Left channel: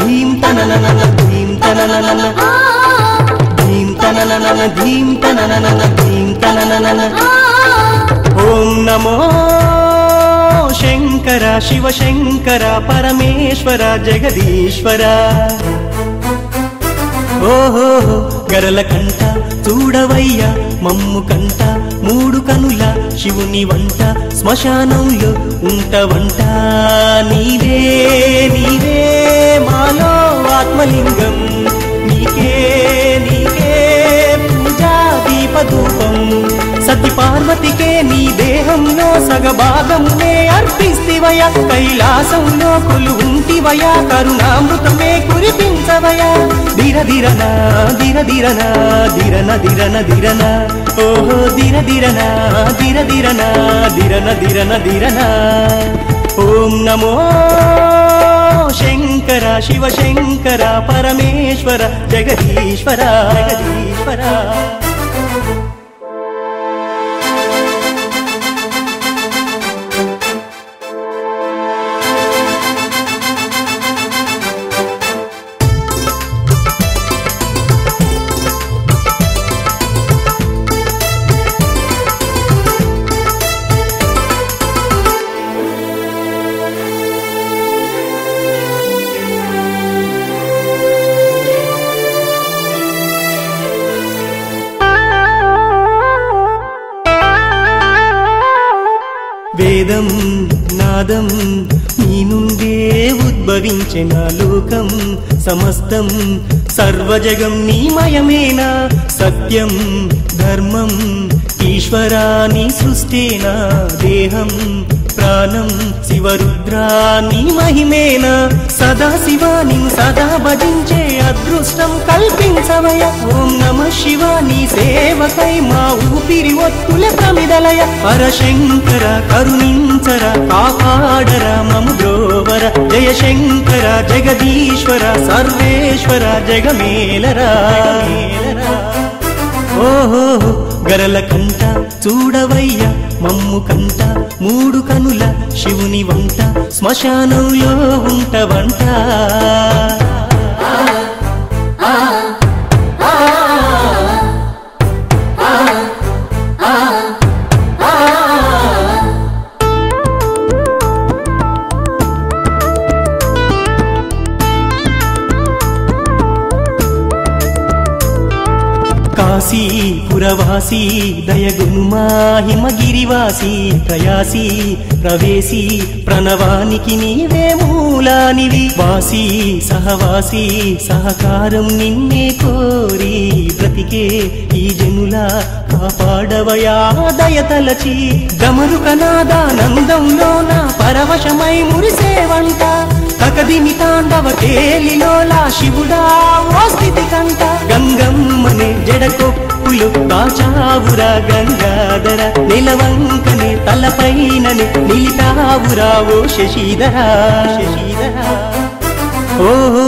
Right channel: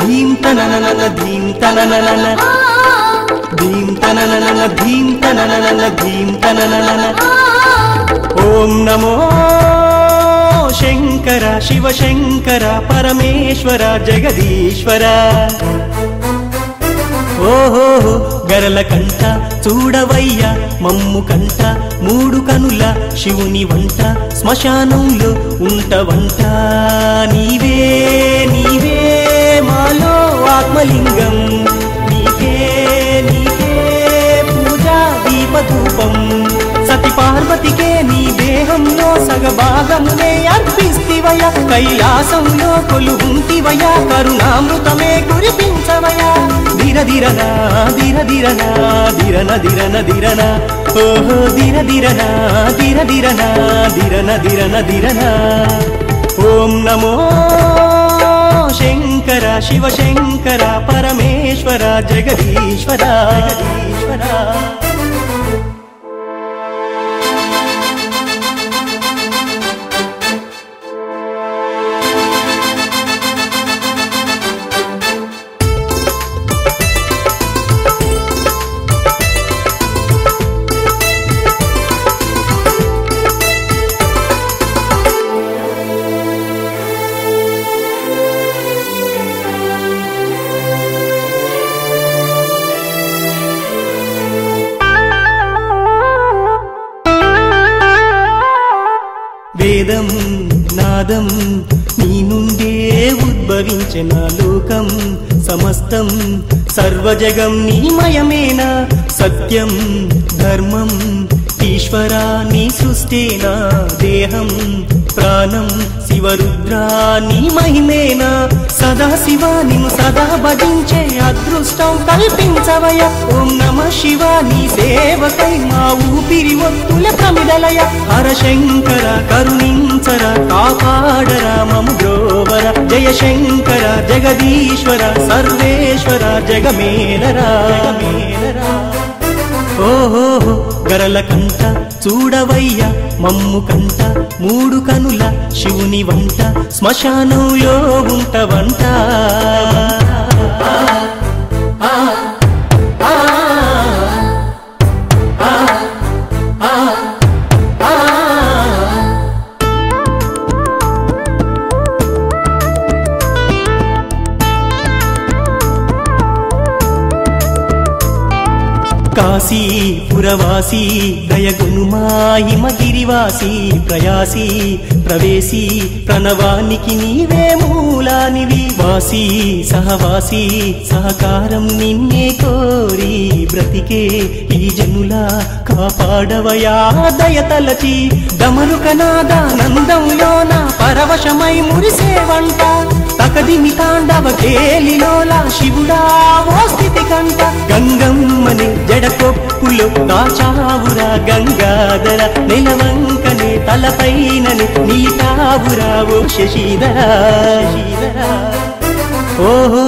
ధీం తననన ధీం తననన ధీం తననన ధీం తననన ధీం తననన ఓం నమో శంకర శివ శంకర పరమేశ్వర జగదీశ్వర ఓహో గరల కంట చూడవయ్య మమ్ము కంట మూడు కనుల శివుని వంట శ్మశానంలో ఉంటవంట నీవే నీవే మాలో ఆత్మలింగం నీకే నీకే పూజా దీపధూపం సతి పార్వతికే నీ దేహంలో సగభాగంకే అర్పిస్తివయ కైలాసంలో కొలువుంటివయ కరుణామృతమే కురిపించవయ ధీర ధీరన ధీర ధీరన ధీరన ధీరన ధీరన ఓహో ధీర ధీరన ధీర ధీరన ధీరన ధీరన ధీరన ఓం నమో శంకర శివ శంకర పరమేశ్వర జగదీశ్వర జగదీశ్వర వేదం నాదం నీ నుండే ఉద్భవించిన లోకం సమస్తం సర్వజగం నీమయమేనా సత్యం ధర్మం ఈశ్వరాని సృష్టేనా దేహం ప్రాణం శివరుద్రా నీ మహిమేనా సదా శివాని సదా భజించే అదృష్టం కల్పించవయ ఓం నమ శివ నీ సేవకై మా ఊపిరి ఒత్తుల ప్రమిదలయ పరశంకర కరుణించర కాపాడర మము బ్రోవర జయ శంకర జగదీశ్వర సర్వేశ్వర జగమేలరా ఓహో గరల కంట చూడవయ్య మమ్ము కంట మూడు కనుల శివుని వంట శ్మశానంలో ఉంటవంట కాశీ పురవాసి దయగునుమా హిమగిరివాసి ప్రయాసి ప్రవేశి ప్రణవానికి నీవే మూలానివి వాసి సహవాసి సహకారం నిన్నే కోరి బ్రతికే ఈ జనుల కాపాడవయా దయతలచి గమరుకనాదానందంలోన పరవశమై మురిసేవంట తగదిని తాండవ ఖేలిలోలా శివుడా ఓ స్థితి కంట గంగమ్మని జడకొప్పులో కాచావురా గంగాధర నిలవంకని తలపైనని నీతావురా ఓ శశిధర ఓహో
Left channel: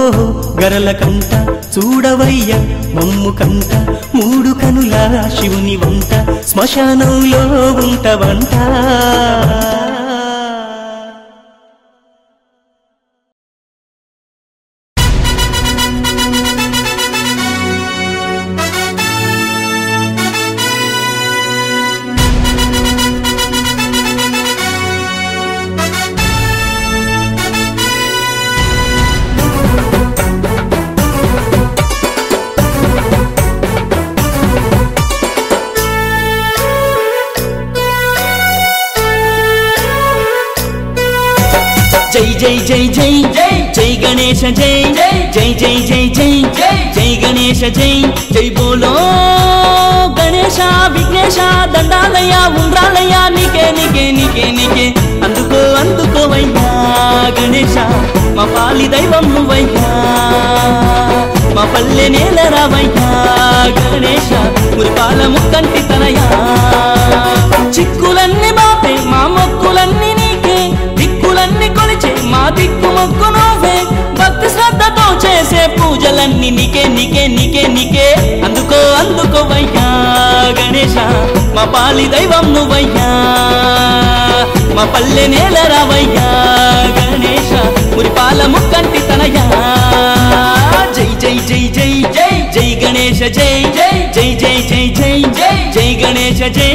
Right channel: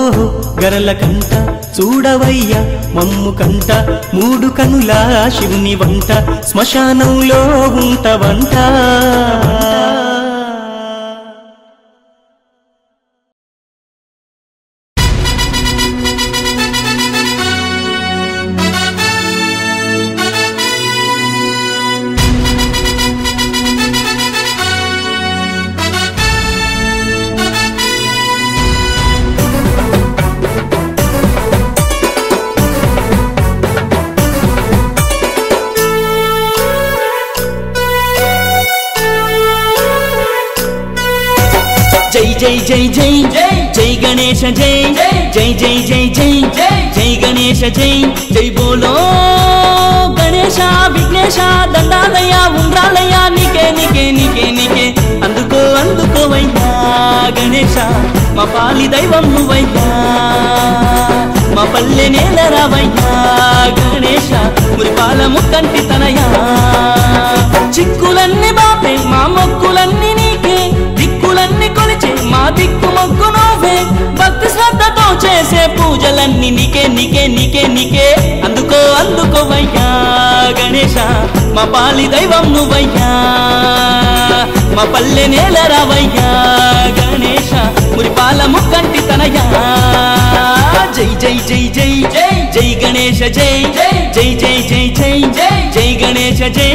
గరల కంట చూడవయ్య మమ్ము కంట మూడు కనుల శివుని వంట శ్మశానంలో ఉంటవంట जय जय जय जय जय गणेश जय जय जय जय जय जय गणेश जय जय बोलो गणेश विघ्नेश దండాలయ్యా ఉండ్రాలయ్యా నీకే నీకే నీకే నీకే అందుకో అందుకోవయ్యా గణేశ మా పాలి దైవం నువ్వయ్యా మా పల్లె నేల రావయ్యా గణేశ మురిపాల ముక్కంటి తనయా చిక్కులన్నీ బాపే మా మొక్కులన్నీ నీకే దిక్కులన్నీ కొలిచే మా దిక్కు మొక్కు నువ్వే భక్తి శ్రద్ధతో చేసే పూజలన్నీ నీకే నీకే నీకే నీకే అందుకో అందుకోవయ్యా గణేశ మా పాలి దైవం నువ్వయ్యా మా పల్లె నేల రావయ్యా గణేశ మురిపాల ముక్కంటి తనయా జై జై జై జై జై జై గణేశ జై జై జై జై జై జై జై జై గణేశ జై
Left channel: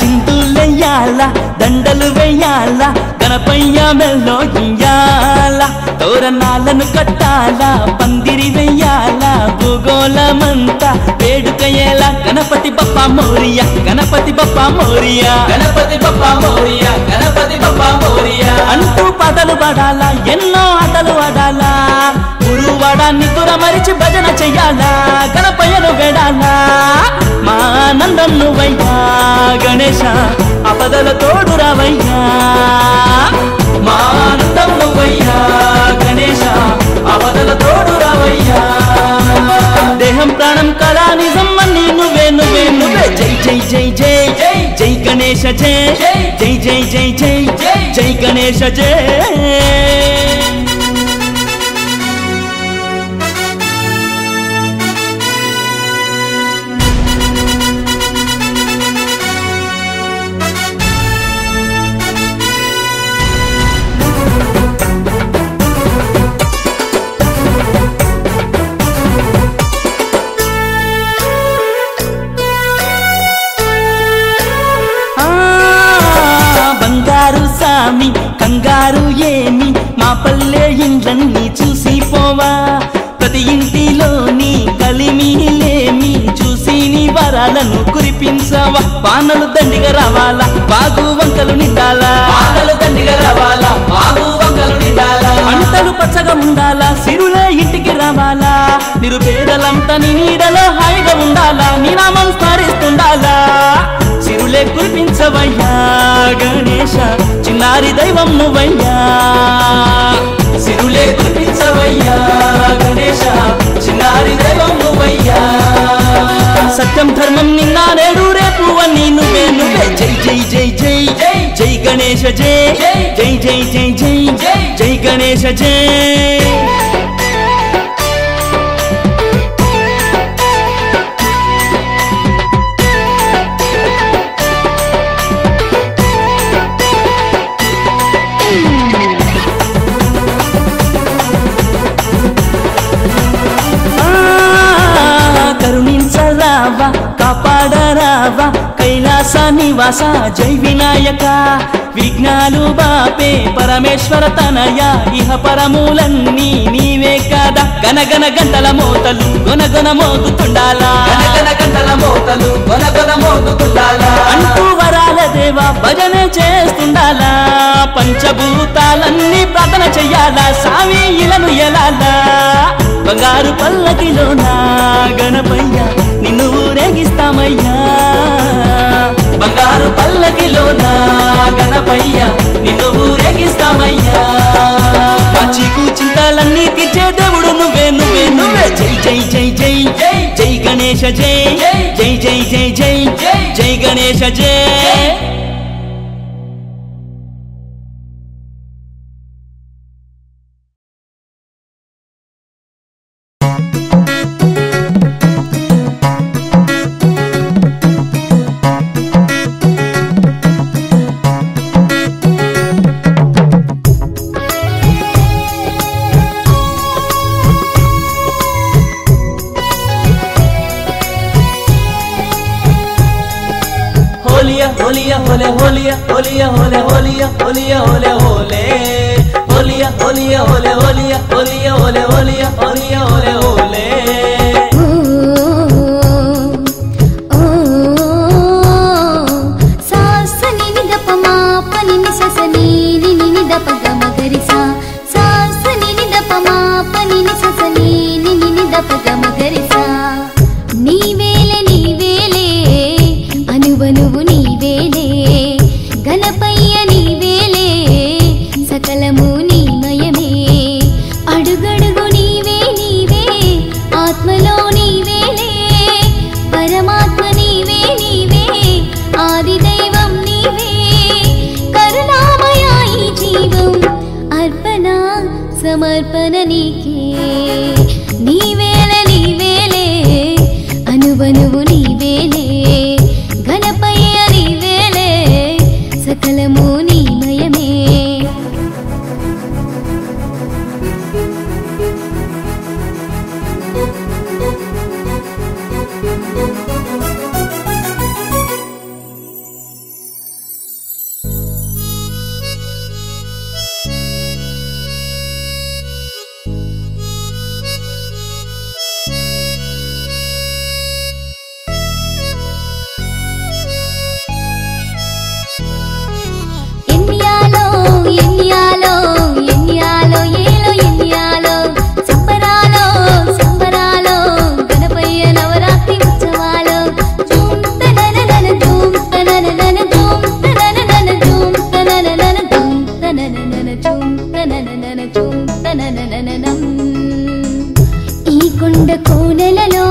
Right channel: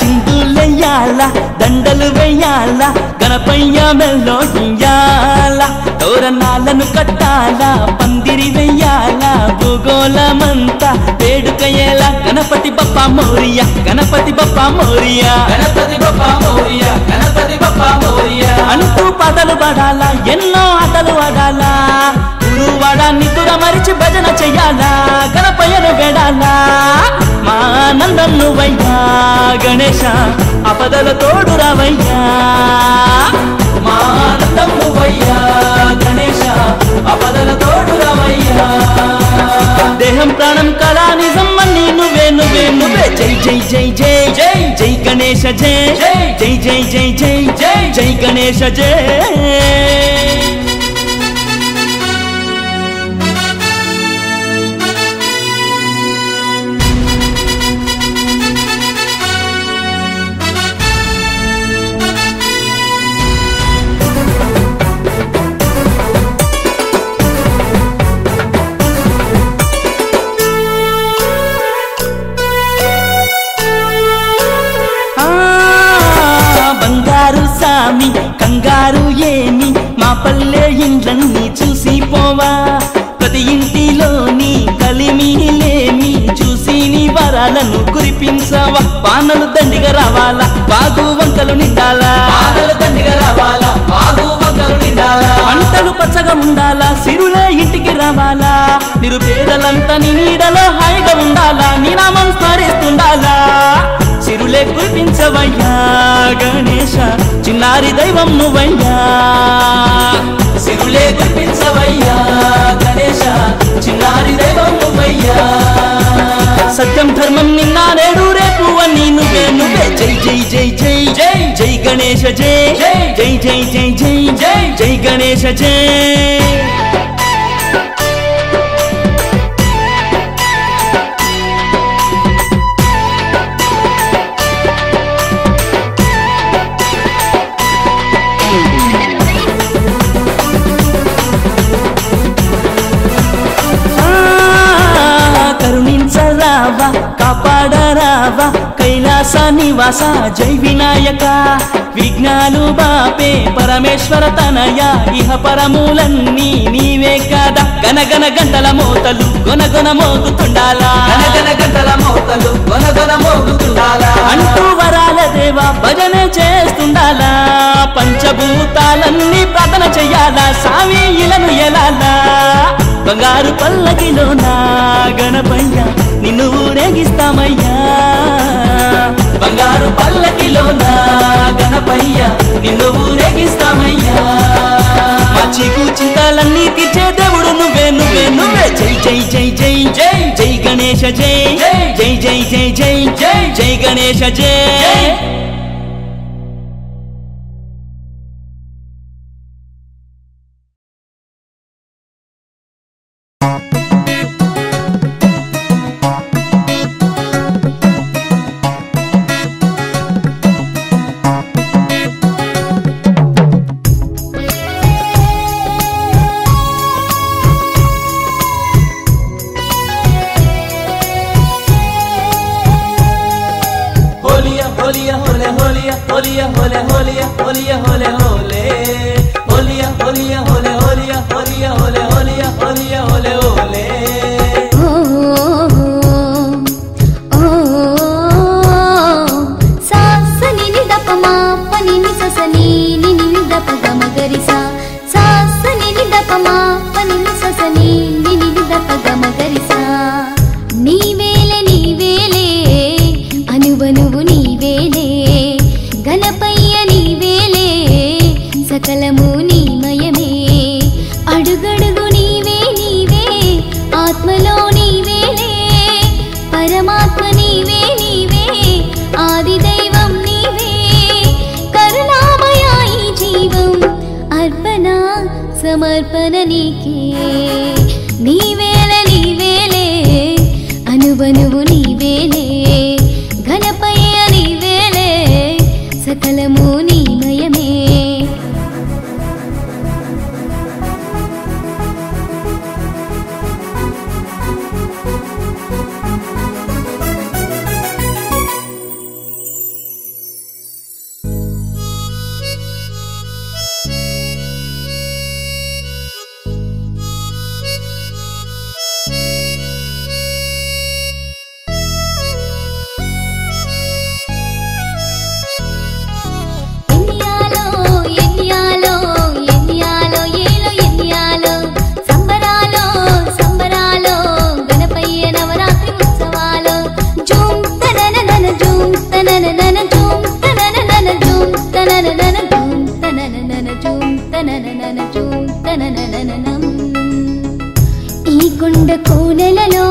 చిందులెయ్యాల దండలు వెయ్యాల గణపయ్య మెల్లో ఇయ్యాల తోరణాలను కట్టాల పందిరి వెయ్యాల భూగోళమంతా వేడుకయ్యేలా గణపతి బప్ప మోరియా గణపతి బప్ప మోరియా గణపతి బప్ప మోరియా గణపతి బప్ప మోరియా అంటూ పాటలు పాడాలా ఎన్నో ఆటలు ఆడాలా గురువాడా నిద్ర మరిచి భజన చెయ్యాలా గణపయ్యను వేడాలా మా ఆనందం నువ్వయ్యా గణేశ అపదల తోడు రావయ్యా మా ఆనందం నువ్వయ్యా గణేశ అపదల తోడు రావయ్యా దేహం ప్రాణం కళా నిజం అన్ని నువ్వే నువ్వే నువ్వే జై జై జై జై జై జై గణేశ జై జై జై జై జై జై జై గణేశ జై బంగారు సామి కంగారు ఏమి మా పల్లె ఇండ్లన్నీ చూసి పోవా ప్రతి ఇంటిలోని కలిమిలేమి చూసి నీ వరాలను కురిపించవా వానలు దండిగా రావాలా బాగు వంకలు నిండాలా పంటలు పచ్చగా ఉండాలా సిరులే ఇంటికి రావాలా నిరుపేదలంతా నీ నీడలో హాయిగా ఉండాలా నీ నామం స్మరిస్తుండాలా సిరులే కురిపించవయ్యా గణేశ చిన్నారి దైవం నువ్వయ్యా సిరులే కురిపించవయ్యా గణేశ చిన్నారి దైవం నువ్వయ్యా సత్యం ధర్మం నిన్న నేడు రేపు అని నువ్వే నువ్వే జై జై జై జై జై జై గణేశ జై జై జై జై జై జై జై గణేశ జై కరుణించరావా కాపాడరావా కైలాస నివాస జై వినాయక విఘ్నాలు బాపే పరమేశ్వర తనయ ఇహ పరములన్నీ నీవే కాదా గనగన గంటల మోతలు గొనగొన మోగుతుండాలా అంటూ వరాల దేవా భజన చేస్తుండాలా పంచభూతాలన్నీ ప్రార్థన చెయ్యాలా సామి ఇలను ఎలాలా బంగారు పల్లకిలో నా గణపయ్య నిన్ను ఊరేగిస్తామయ్యా బంగారు పల్లకిలో నా గణపయ్య నిన్ను ఊరేగిస్తామయ్యా మా చీకు చింతలన్నీ తీర్చే దేవుడు నువ్వే నువ్వే నువ్వే జై జై జై జై జై జై గణేశ జై జై జై జై జై జై జై గణేశ జై సకలము నీమయమే అడుగడుగు నీవే నీవే ఆత్మలో నీవేలే పరమాత్మ నీవే నీవే ఆది దైవం నీవే సమర్పణ నీకే నీవేలే నీవేలే అనువనువు నీవేలే గణపయ్య నీవేలే సకలము నీమయమే ఈ కొండ కోనలలో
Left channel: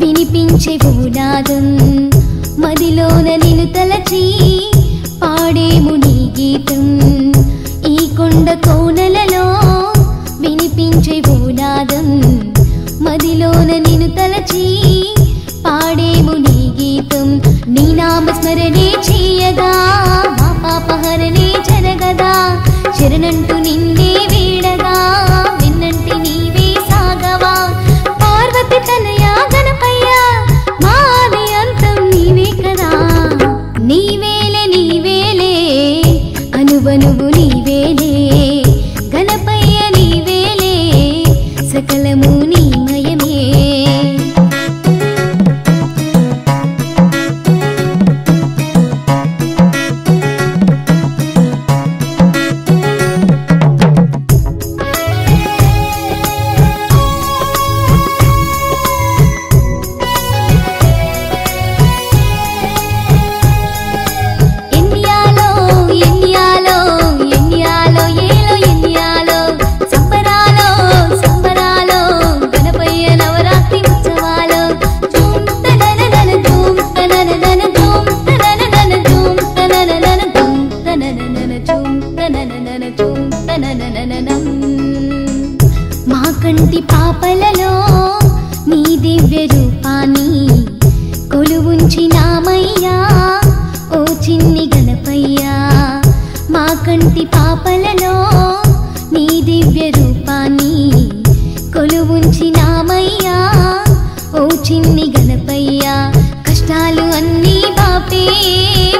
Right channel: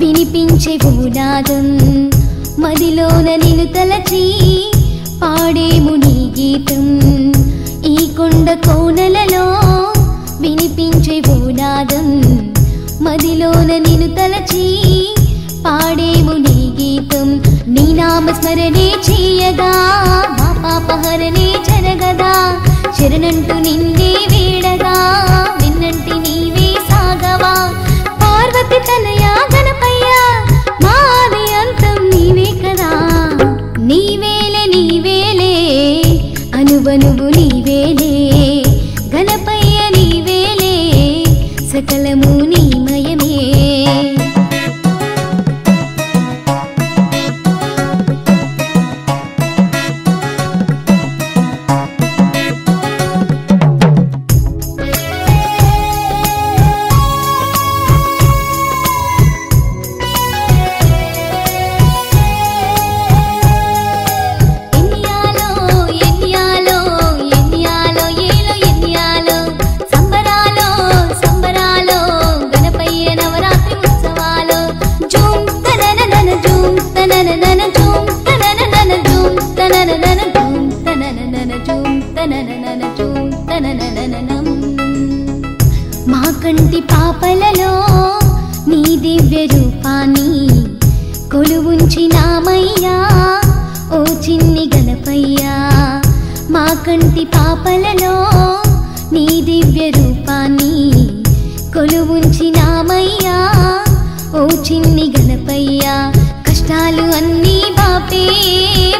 వినిపించే భూనాదం మదిలోన నిన్ను తలచి పాడేము నీ గీతం ఈ కొండ కోనలలో వినిపించే భూనాదం మదిలోన నిన్ను తలచి పాడేము నీ గీతం నీ నామస్మరణే చేయగా మా పాపహరణే జరగదా శరణంటూ నిన్నే వీడగా విన్నంటి నీవే సాగవా పార్వతి తనయా గణపయ్య మాది అంతం నీవే కదా నీవేలే నీవేలే అనువనువు నీవేలే గణపయ్య నీవేలే సకలము నీమయమే మా కంటి పాపలలో నీ దివ్య రూపాన్ని కొలువుంచినామయ్యా ఓ చిన్ని గణపయ్యా మా కంటి పాపలలో నీ దివ్య రూపాన్ని కొలువుంచినామయ్యా ఓ చిన్ని గణపయ్యా కష్టాలు అన్నీ బాపే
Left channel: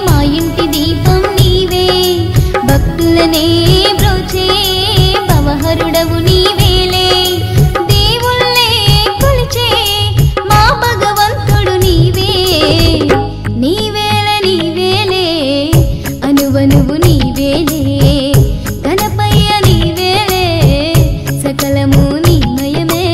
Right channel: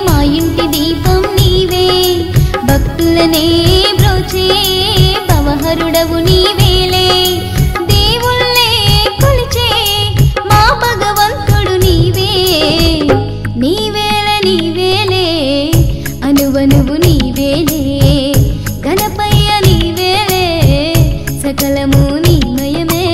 మా ఇంటి దీపం నీవే భక్తులనే బ్రోచే భవహరుడవు నీవేలే దేవుళ్ళే కొలిచే మా భగవంతుడు నీవే నీవేలే నీవేలే అనువనువు నీవేలే గణపయ్య నీవేలే సకలము నీమయమే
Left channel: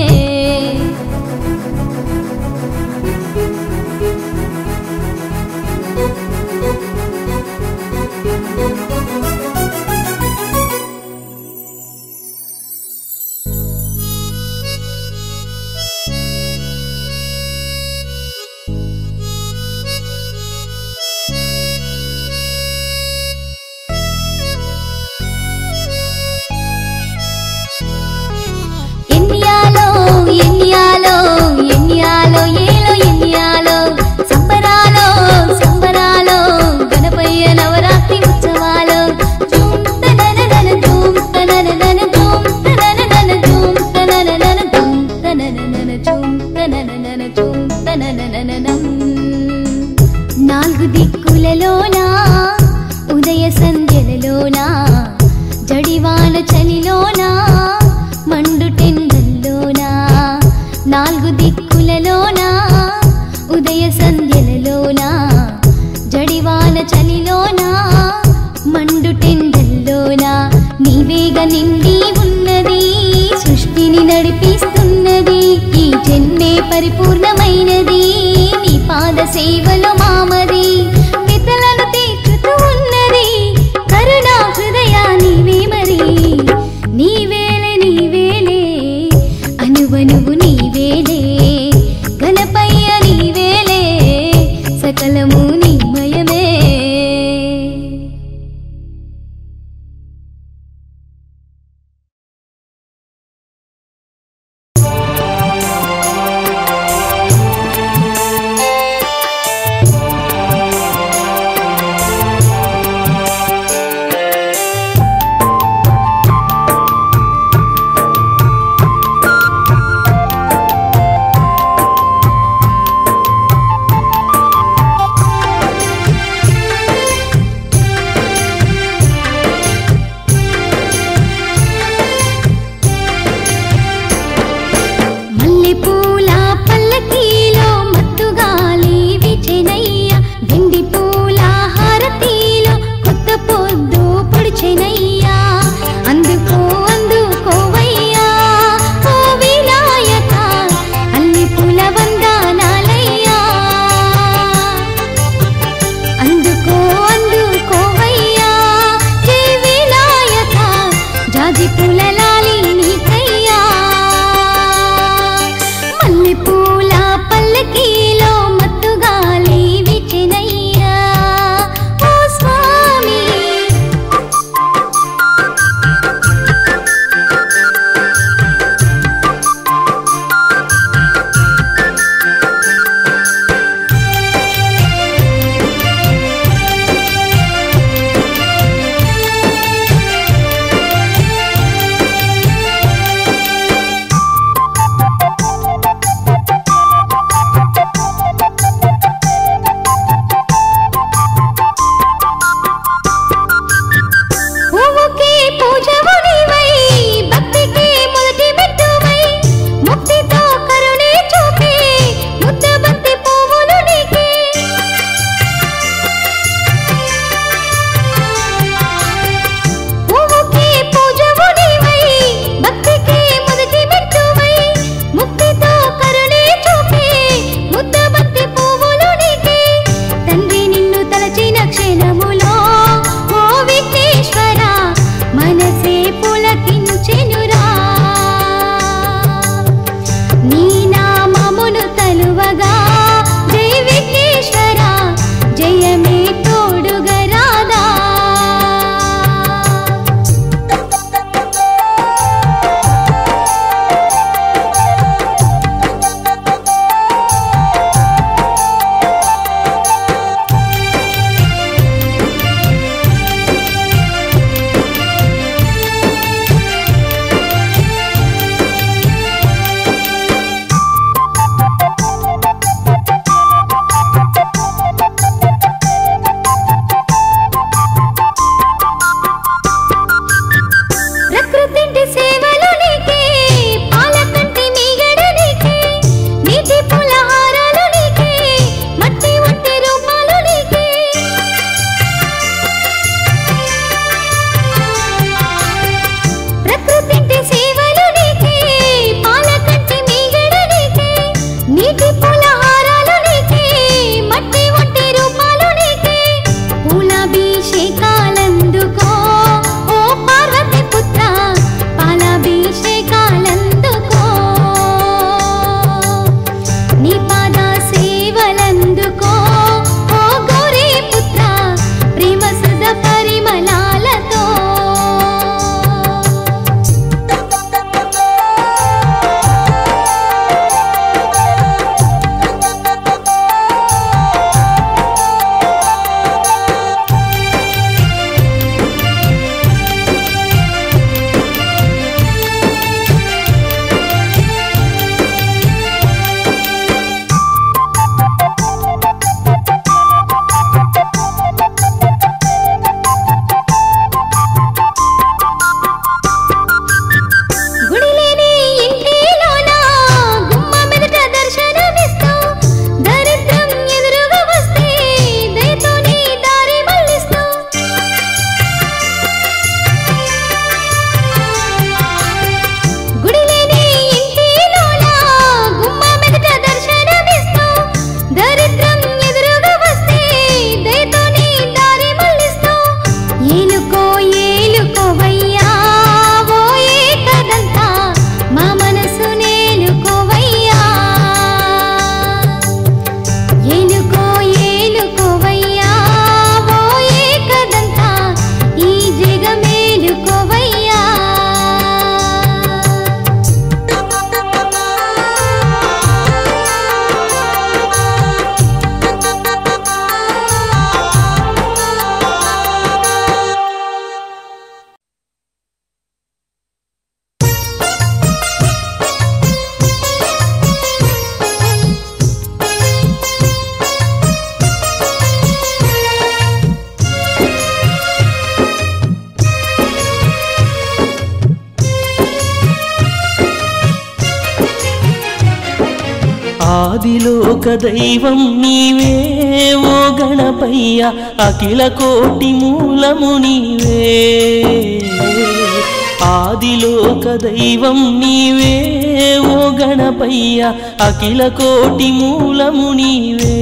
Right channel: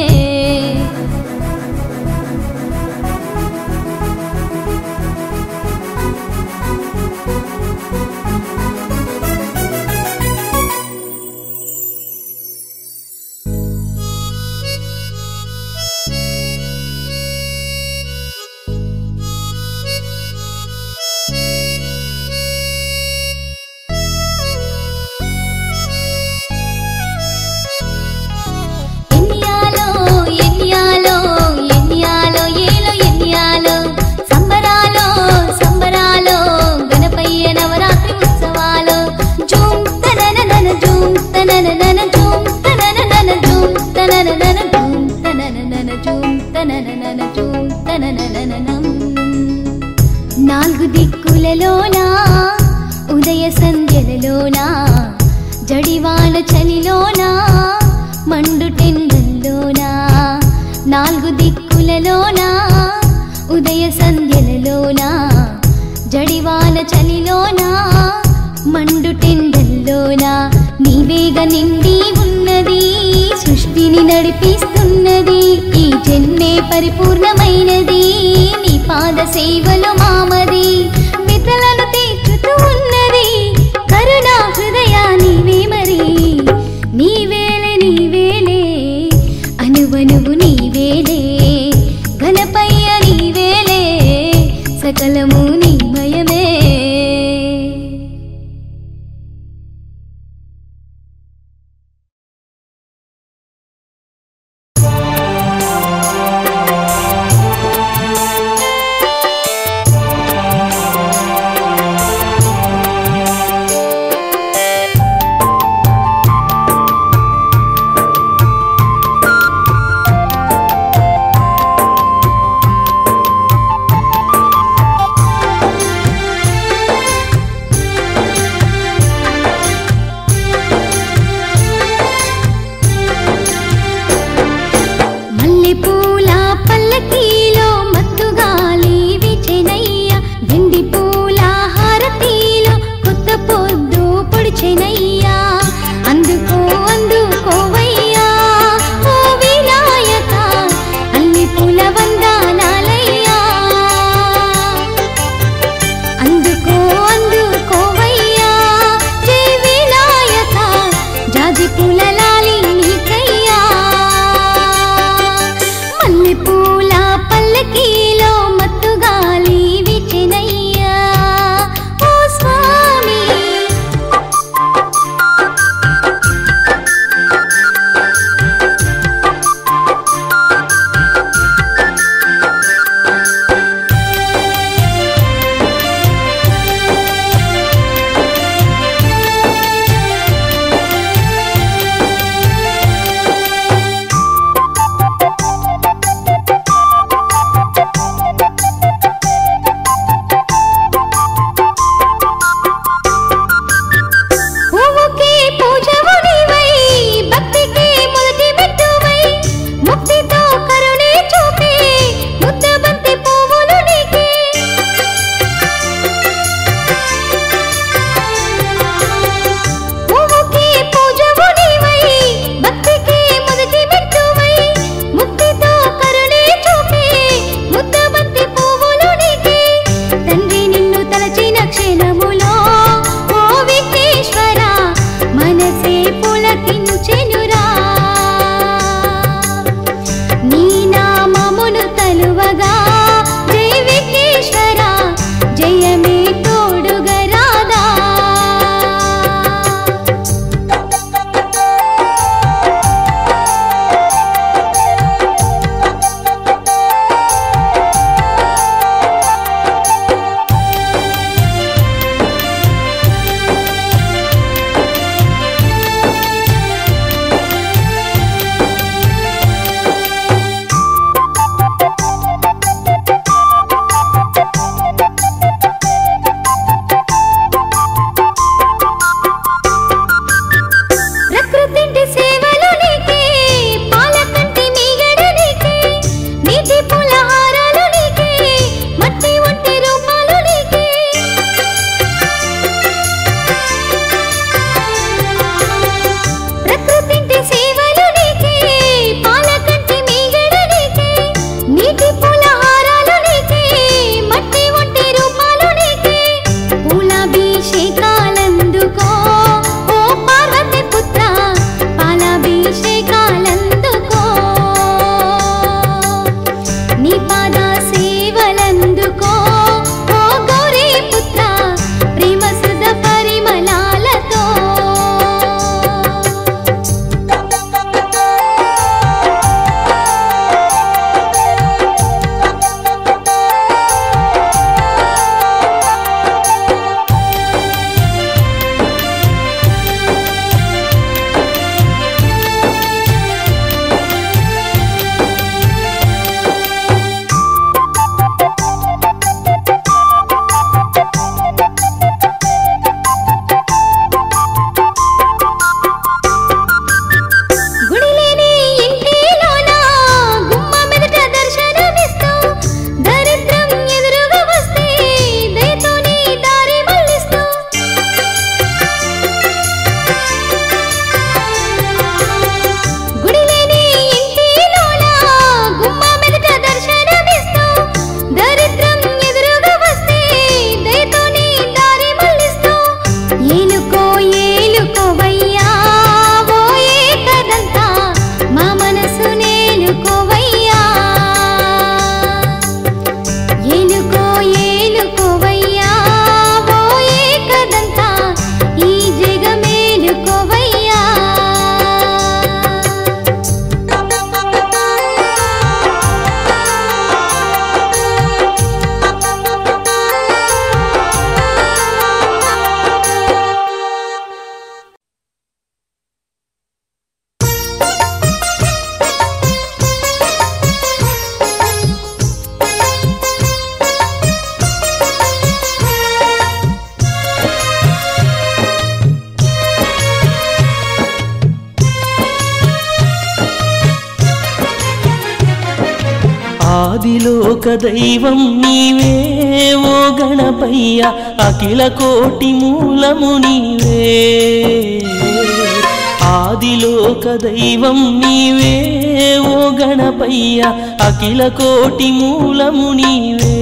నాలుగు దిక్కులలోనా ఉదయ సంధ్యలలోనా జడివాన చలిలోనా మండుటెండల్లోనా నాలుగు దిక్కులలోనా ఉదయ సంధ్యలలోనా జడివాన చలిలోనా మండుటెండల్లోనా నీవేగ నిండి ఉన్నది సృష్టిని నడిపిస్తున్నది ఈ జన్మే పరిపూర్ణమైనది నీ పాద సేవలో మామది మితలను తీర్చుతూ ఉన్నది కరుణా హృదయా నీవే మరి నీవేలే నీవేలే అనువనువు నీవేలే గణపయ్య నీవేలే సకలము నీమయమే చెప్పగా జై విఘ్నేశ్వర జయమే తోడుగా రాదా. ప్రకృతింటి సేవలు నీకే పాలకంటి మీగడ నీకే నీటి పులహారాలు నీకే మట్టి వంటి రూపాలు నీకే. ప్రకృతింటి సేవలు నీకే పాలకంటి మీగడ నీకే నీటి పులహారాలు నీకే మట్టి వంటి రూపాలు నీకే. పూలాభిషేకాలందుకో ఓ పార్వతి పుత్ర పాలాభిషేకాలందుకో నీ పాద సేవలందుకో ఓ గౌరీ పుత్ర ప్రేమ సుధ పరిమళాలతో. గుడిలేని ఇంటిలోన గుమ్మ మెదట దర్శనమిస్తూ దరిద్రం ఎదురుగా వస్తే దయతో నీ దారి మళ్ళిస్తూ. గుడిలేని ఇంటిలోన గుమ్మ మెదట దర్శనమిస్తూ దరిద్రం ఎదురుగా వస్తే దయతో నీ దారి మళ్ళిస్తూ. ఏలుకో ఏలుకోవయ్యా ఓ ఏకదంతా మా మనసు నేలుకోవయ్యా. ఏలుకో ఏలుకోవయ్యా ఓ ఏకదంతా ఈ జగమేలుకోవయ్యా. ఆదిలోక దైవం నీవే ఓ గణపయ్య అఖిల కోటి మూలము నీవే. ఆదిలోక దైవం నీవే ఓ గణపయ్య అఖిల కోటి మూలము నీవే.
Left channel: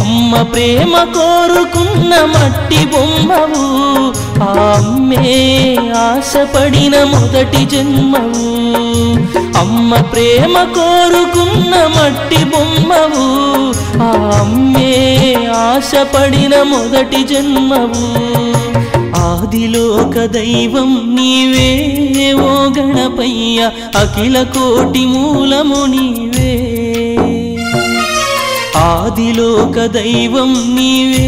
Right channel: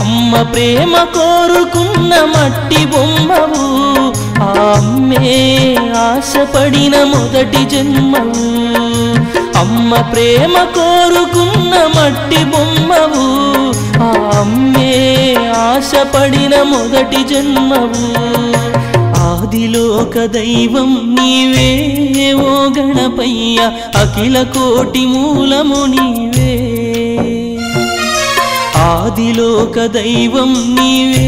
అమ్మ ప్రేమ కోరుకున్న మట్టి బొమ్మవు ఆ అమ్మే ఆశపడిన మొదటి జన్మవు. అమ్మ ప్రేమ కోరుకున్న మట్టి బొమ్మవు ఆ అమ్మే ఆశపడిన మొదటి జన్మవు. ఆదిలోక దైవం నీవే ఓ గణపయ్య అఖిల కోటి మూలము నీవే. ఆదిలోక దైవం నీవే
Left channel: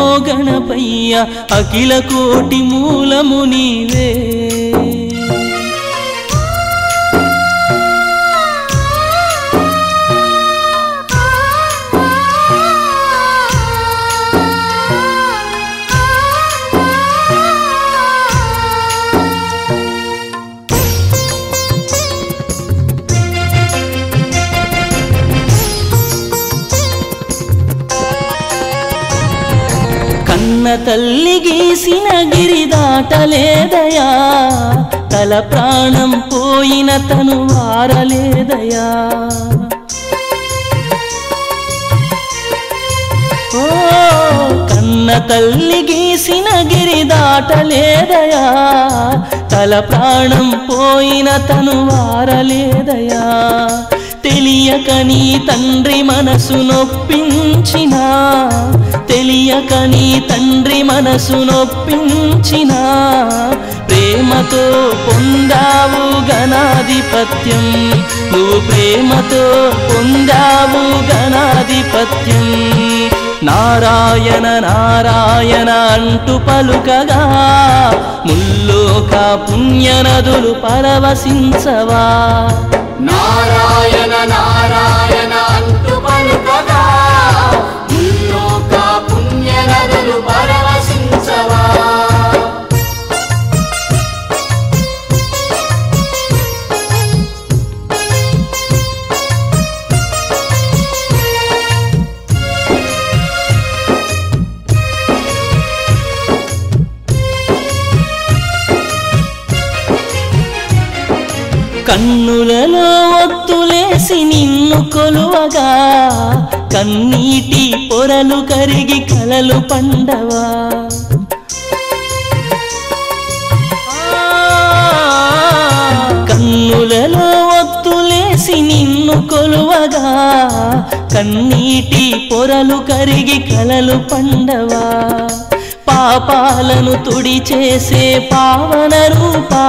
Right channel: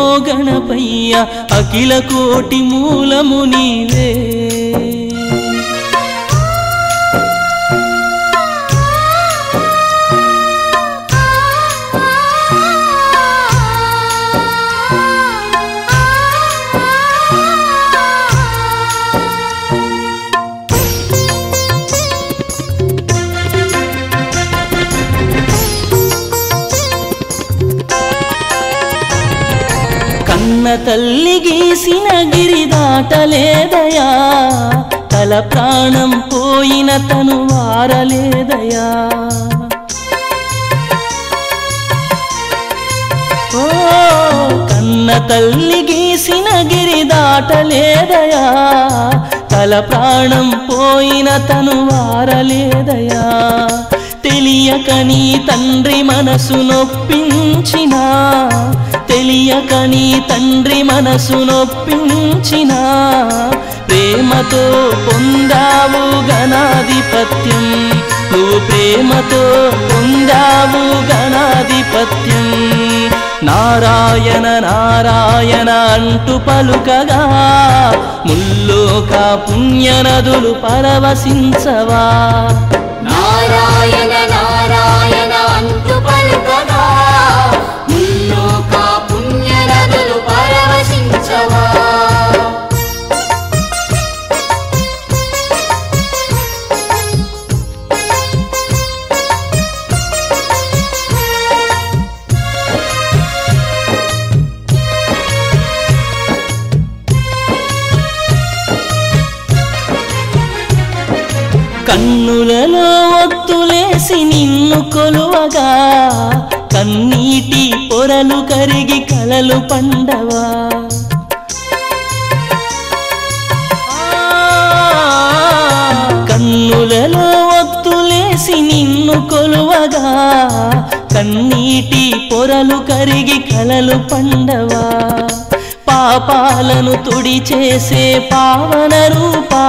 ఓ గణపయ్య అఖిల కోటి మూలము నీవే. కన్న తల్లి గీసిన గిరి దాటలేదయా, తల ప్రాణం పోయిన తను వారలేదయా. ఓ కన్న తల్లి గీసిన గిరి దాటలేదయా, తల ప్రాణం పోయిన తను వారలేదయా. తెలియక నీ తండ్రి మనసు నొప్పించినా, తెలియక నీ తండ్రి మనసు నొప్పించినా, ప్రేమతో పొందావు గణాధిపత్యం, నువ్వు ప్రేమతో పొందావు గణాధిపత్యం. నారాయణ నారాయణ అంటూ పలుకగా ముల్లోక పుణ్యనదులు పరవశించవా. నారాయణ నారాయణ అంటూ పలుకగా ముల్లోక పుణ్యనదులు పరవశించవా. కన్నులలో ఒత్తులేసి నిన్ను కొలువగా కన్నీటి పొరలు కరిగి కలలు పండవా. కన్నులలో ఒత్తులేసి నిన్ను కొలువగా కన్నీటి పొరలు కరిగి కలలు పండవా. పాపాలను తుడిచేసే పావన రూపా,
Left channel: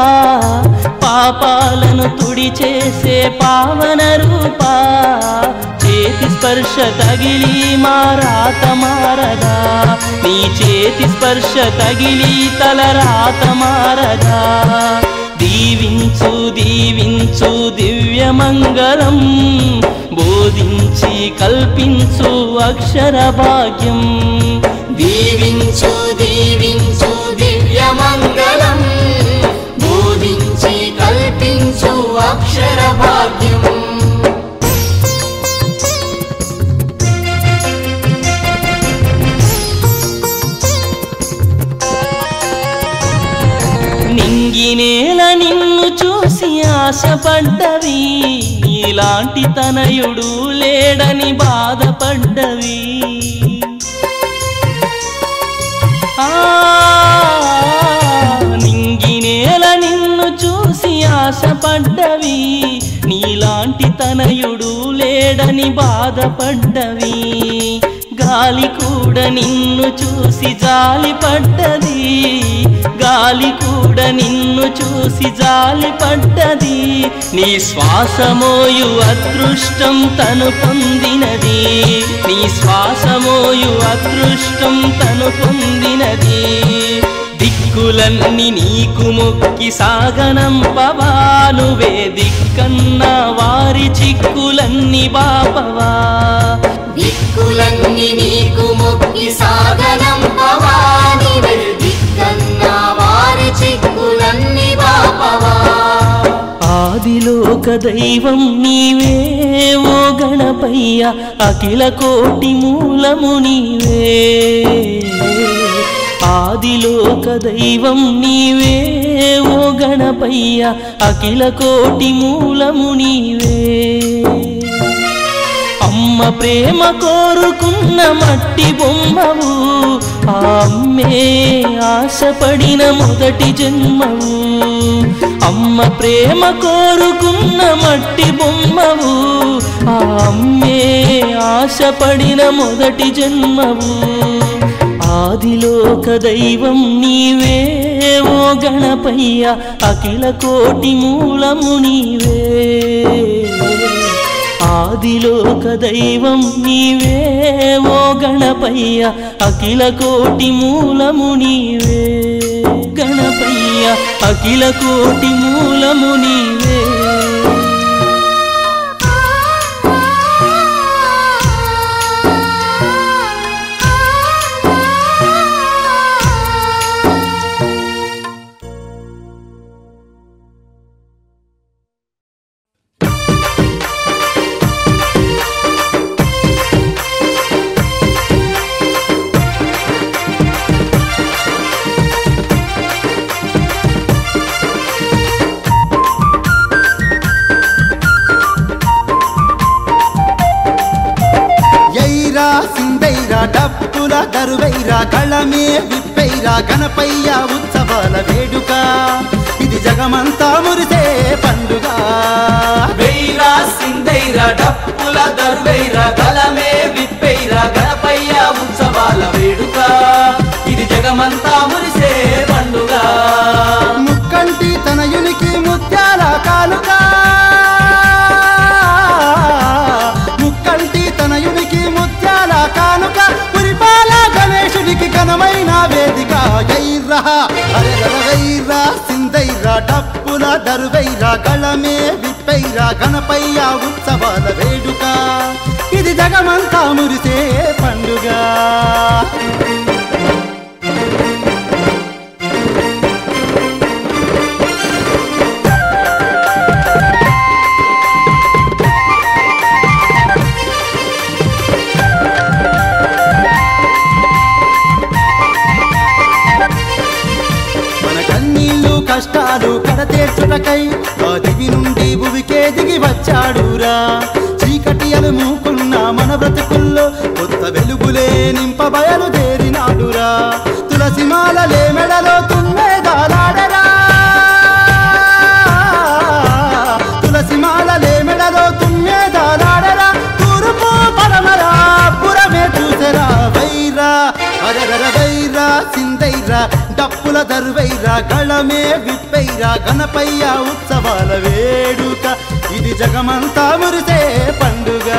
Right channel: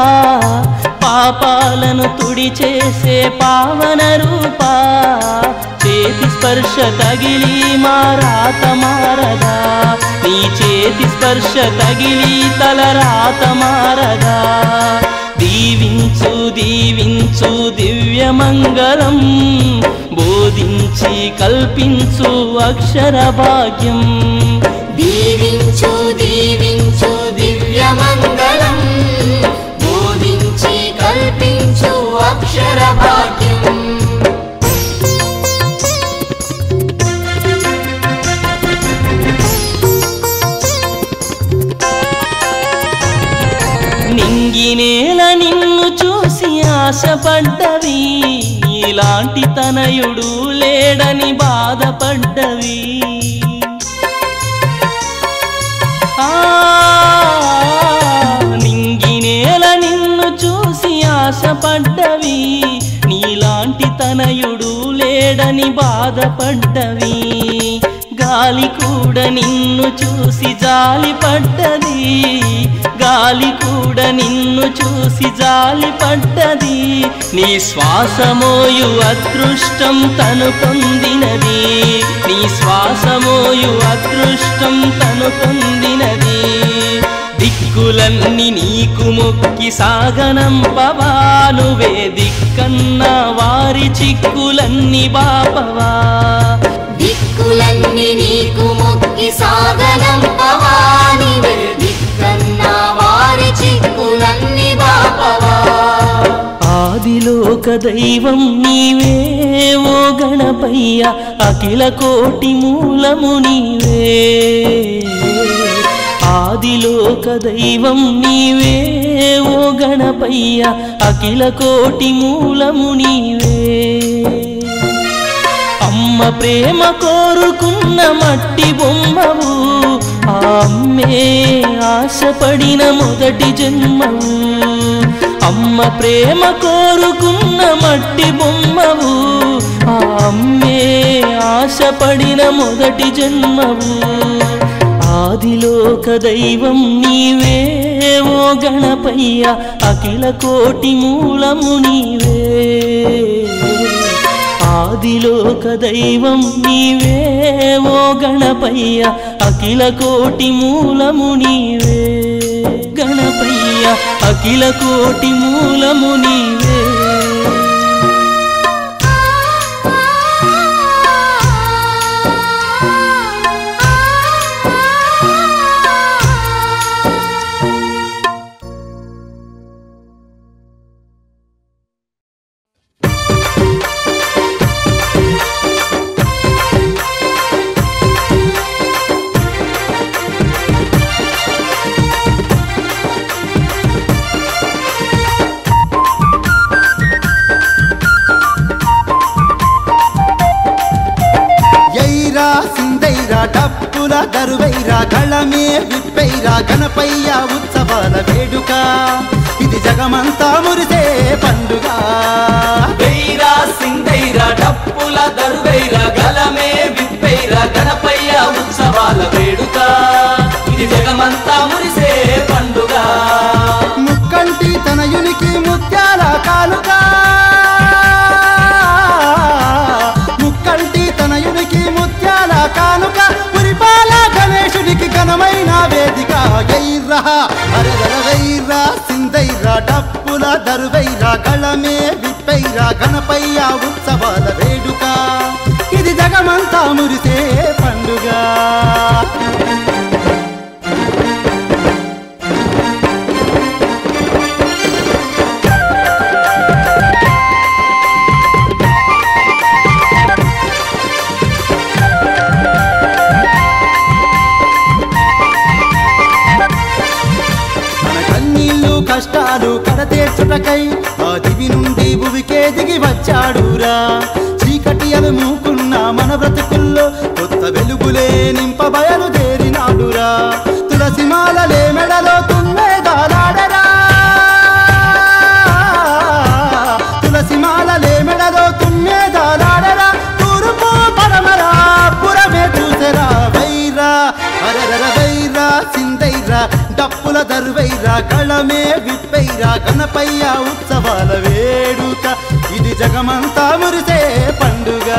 పాపాలను తుడిచేసే పావన రూపా, చేతి స్పర్శ తగిలి మా రాత మారదా, నీ చేతి స్పర్శ తగిలి తల రాత మారదా. దీవించు దీవించు దివ్యమంగళం, బోధించి కల్పించు అక్షర భాగ్యం. దీవించు దీవించు దివ్యమంగళం, బోధించి కల్పించు అక్షర భాగ్యం. నింగినేల నిన్ను చూసి ఆశపడ్డవి, ఇలాంటి తనయుడు లేడని బాధపడ్డవి. నింగినేల నిన్ను చూసి ఆశపడ్డవి, నీలాంటి తనయుడు లేడని బాధపడ్డవి. గాలి కూడా నిన్ను చూసి జాలి పడ్డది, గాలి కూడా నిన్ను చూసి జాలి పడ్డది. నీ శ్వాసమోయు అదృష్టం తను పొందినది, నీ శ్వాసమోయు అదృష్టం తను పొందినది. దిక్కులన్నీ నీకు మొక్కి సాగనంపవా, నువ్వే దిక్కన్నా వారి చిక్కులన్నీ బాపవా. దిక్కులన్నీ నీకు మొక్కి సాగనంపవా, నువ్వే దిక్కన్నా వారి చిక్కులన్నీ బాపవా. ఆదిలోక దైవం నీవే ఓ గణపయ్య, అఖిల కోటి మూలము నీవే. ఆదిలోక దైవం నీవే ఓ గణపయ్య, అఖిల కోటి మూలము నీవే. అమ్మ ప్రేమ కోరుకున్న మట్టి బొమ్మవు, ఆ అమ్మే ఆశపడిన మొదటి జన్మవు. అమ్మ ప్రేమ కోరుకున్న మట్టి బొమ్మవు, ఆ అమ్మే ఆశపడిన మొదటి జన్మవు. ఆదిలోక దైవం నీవే ఓ గణపయ్య, అఖిల కోటి మూలము నీవే. ఆదిలోక దైవం నీవే ఓ గణపయ్య, అఖిల కోటి మూలము నీవే. గణపయ్య అఖిల కోటి మూలము నీవే. సిందైరా డప్పుల దరువైరా కళమే విప్పైరా గణపయ్య ఉత్సవాల వేడుక. ఇది జగమంతా మురిసే పండుగ వెయ్యిరా సింగైరా డప్పుల దరువైరా గలమే విప్పైరా గణపయ్య ఉత్సవాల వేడుక ఇది జగమంతా మురిసే పండుగ ముక్కంటి తనయునికి ముత్యాల కానుక ముక్కంటి తనయునికి ముత్యాల కానుక పురిపాల గణేశునికి ఘనమైన వేదిక గైర్రా అరగర వైరా సిందైరా డప్పుల దరువైరా గళమే విప్పైరా గణపయ్య ఉత్సవాల వేడుక ఇది జగమంతా మురిసే పండుగ కష్టాలు కడతీర్చుటకై ఆ దివి నుండి భువికే దిగి వచ్చాడురా చీకటి అలుముకున్న మన బ్రతుకుల్లో కొత్త వెలుగులే నింప బయలుదేరినాడురా తులసిమాలలే మెడలో తుమ్మెదాలాడరా తులసిమాలలే మెడలో తుమ్మెదాలాడరా తూర్పు పడమరా పురమే చూసరా వైరా అరరర వైరా సిందైరా డప్పుల దర్వైరా గళమే విప్పైరా గణపయ్య ఉత్సవాల వేడుక ఇది జగమంతా మురిసే పండుగ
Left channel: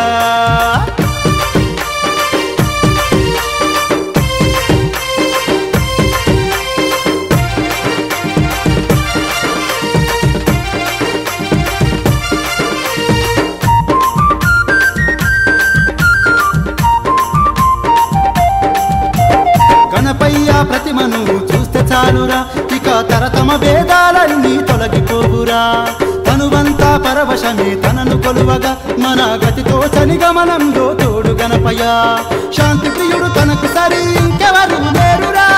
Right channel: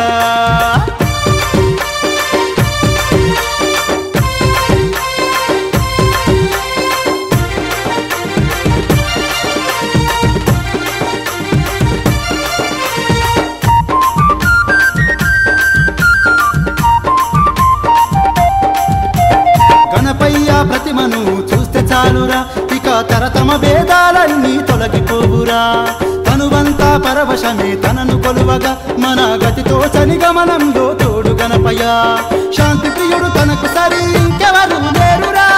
గణపయ్య ప్రతిమను చూస్తే చాలురా ఇక తరతమ భేదాలన్నీ తొలగిపోవురా తనువంతా పరవశమే తనను కొలువగా మన గతితో సనిగమనంలో తోడు గణపయ్య శాంతి ప్రియుడు తనకు సరి ఇంకెవరు లేరురా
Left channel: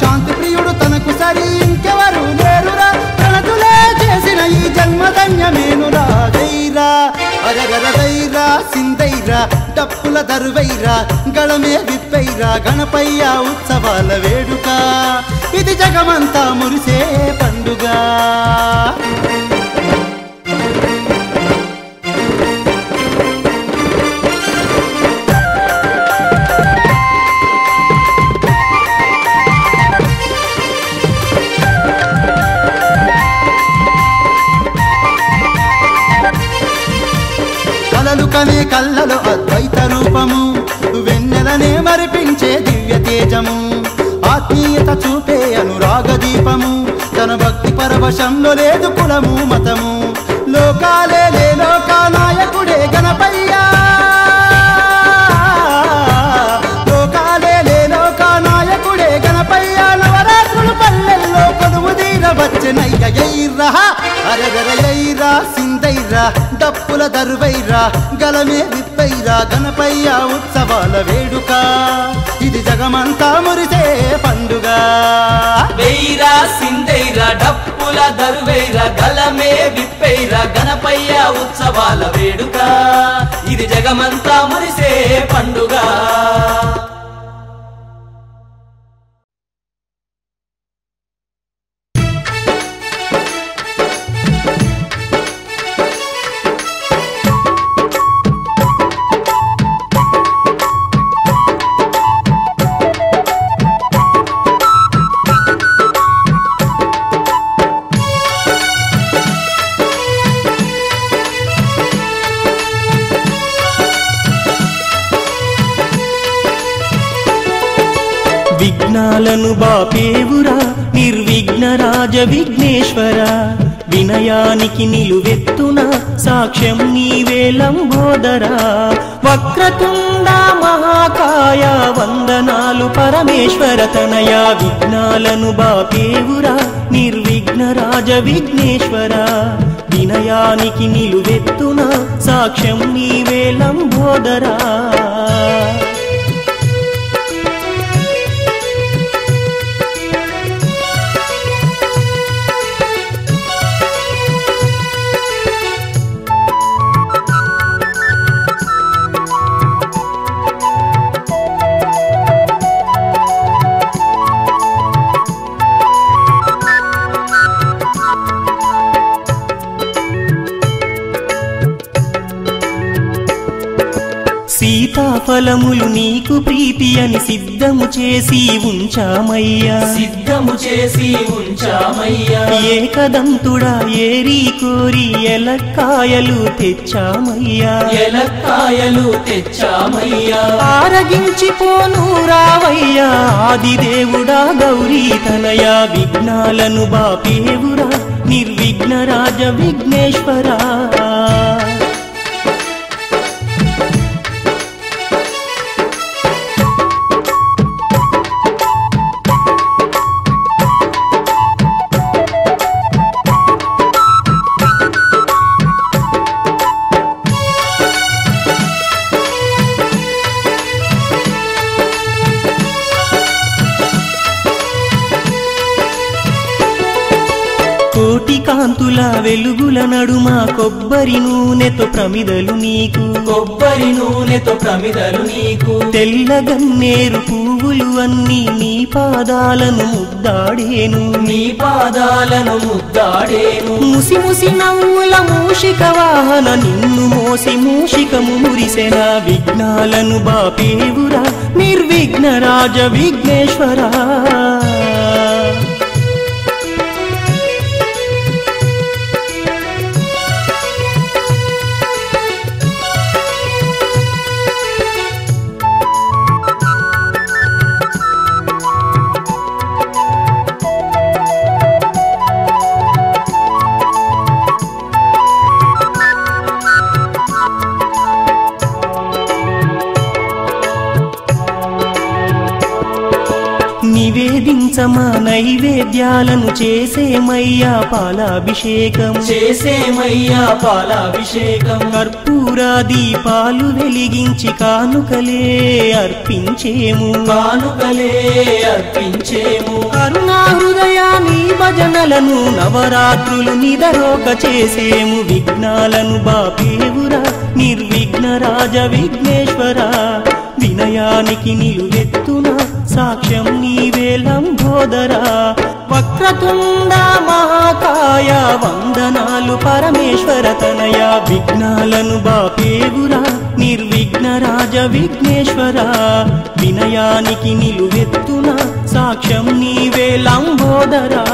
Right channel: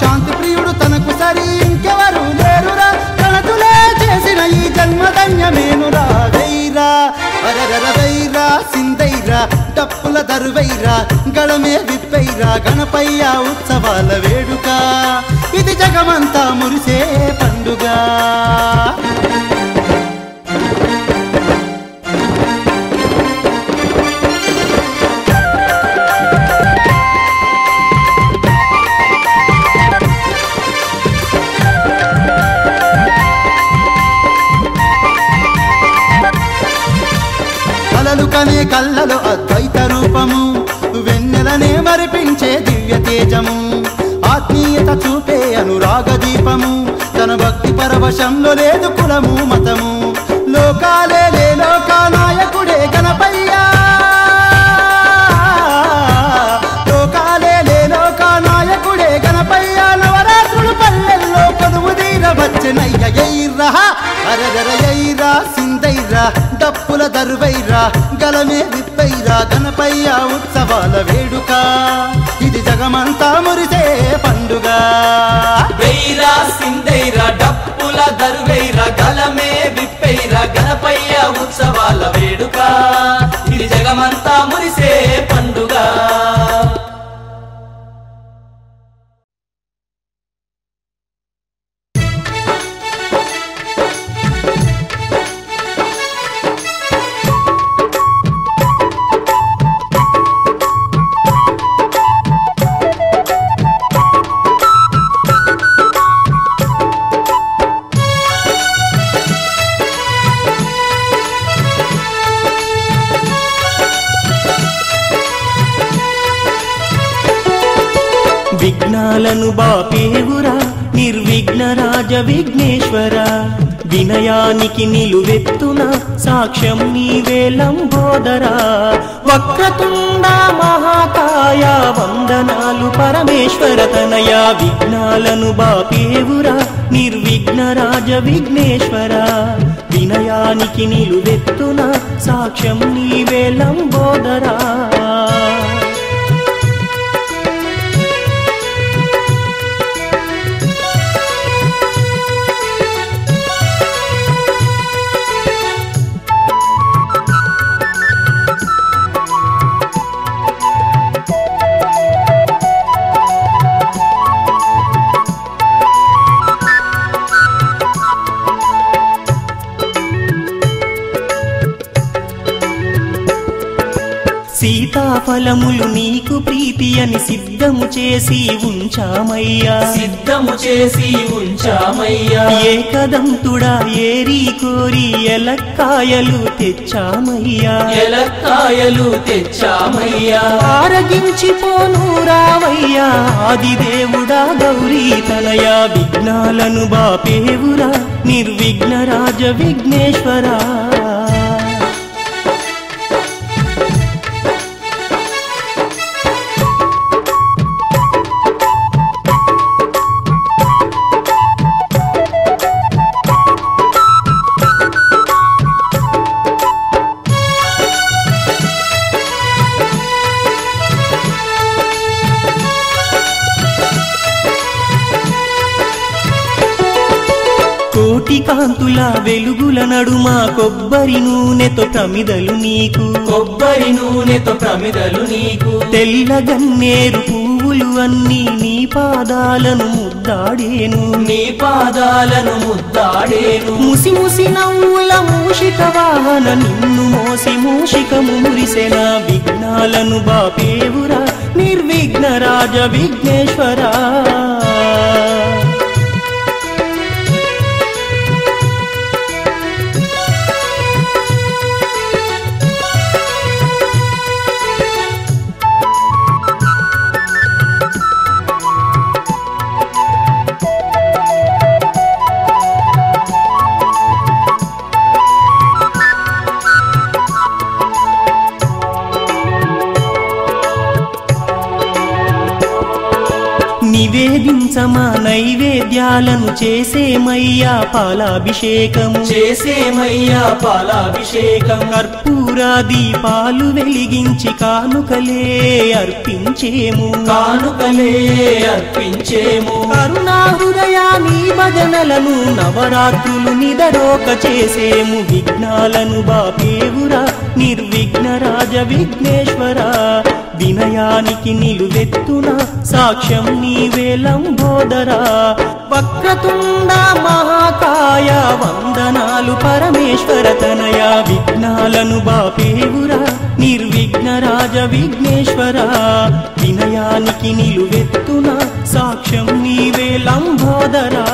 శాంతి ప్రియుడు తనకు సరి ఇంకెవరు లేరురా తనతులే చేసిన ఈ జన్మధన్యమేనురా వైరా అరగర వైరా సిందైరా డప్పుల దరువైరా గళమే విప్పైరా గణపయ్య ఉత్సవాల వేడుక ఇది జగమంతా మురిసే పండుగ కలలు కనే కళ్ళలో అద్వైత రూపము వెన్నెలనే మరిపించే దివ్య తేజము ఆత్మీయత చూపే అనురాగ దీపము తన భక్తి పరవశంలో లేదు కులము మతము లోకాలే లే లోకానాయకుడే గణపయ్య లోకాలే లే లోకానాయకుడే గణపయ్య నవరాత్రులు పల్లెల్లో కొలువు తీర వచ్చెనయ్య ఎయిర్రా అరగర ఎయిరా సిందైరా డప్పుల దరువైరా గలమే విప్పైరా గణపయ్య ఉత్సవాల వేడుక ఇది జగమంతా మురిసే పండుగ వెయ్యిరా సిందైరా డప్పుల దరువైరా గలమే విప్పైరా గణపయ్య ఉత్సవాల వేడుక ఇది జగమంతా మురిసే పండుగ విఘ్నాలను బాపేవురా నిర్విఘ్న రాజ విఘ్నేశ్వర వినయానికి నిలువెత్తున సాక్ష్యం నీవే లంబోదరా వక్రతుండ మహాకాయ వందనాలు పరమేశ్వర తనయ విఘ్నాలను బాపేవురా నిర్విఘ్న రాజ విఘ్నేశ్వర వినయానికి నిలువెత్తున సాక్ష్యం నీవే లంబోదరా ఫలములు నీకు ప్రీతి అని సిద్ధము చేసి ఉంచామయ్యా, సిద్ధము చేసి ఉంచామయ్యా. ఏకదంతుడా ఏరి కోరి ఎలక్కాయలు తెచ్చామయ్యా, ఎలక్కాయలు తెచ్చామయ్యా. ఆరగించిపోను రావయ్యా ఆదిదేవుడా గౌరీ తనయ, విఘ్నాలను బాపేవురా నిర్విఘ్న రాజ విఘ్నేశ్వరా. కోటి కాంతుల వెలుగుల నడుమ కొబ్బరి నూనెతో ప్రమిదలు నీకు, కొబ్బరి నూనెతో ప్రమిదలు నీకు. తెల్ల గన్నేరు పువ్వులు అన్నీ నీ పాదాలను ముద్దాడేను, నీ పాదాలను ముద్దాడేను. ముసి ముసి నవ్వుల మూషిక వాహన నిన్ను మోసి మూషిక మురిసెన, విఘ్నాలను బాపేవురా నిర్విఘ్న రాజ విఘ్నేశ్వరా. నివేదించమా నైవేద్యాలను చేసేమయ్యా పాలాభిషేకం, చేసేమయ్యా పాలాభిషేకం. కర్పూర దీపాలు వెలిగించి కానుకలే అర్పించేము, కానుకలే అర్పించేము. కరుణా హృదయాన్ని భజనలను నవరాత్రులు నిదరోక చేసేము, విఘ్నాలను బాపేవురా నిర్విఘ్న రాజ విఘ్నేశ్వరా. వినయానికి నిలువెత్తున సాక్ష్యం నీవే లంబోదరా, వక్రతుండ మహాకాయ వందనాలు పరమేశ్వర తనయ, విఘ్నాలను బాపేవురా నిర్విఘ్న రాజ విఘ్నేశ్వరా. వినయానికి నిలువెత్తున సాక్ష్యం నీవే లంబోదరా.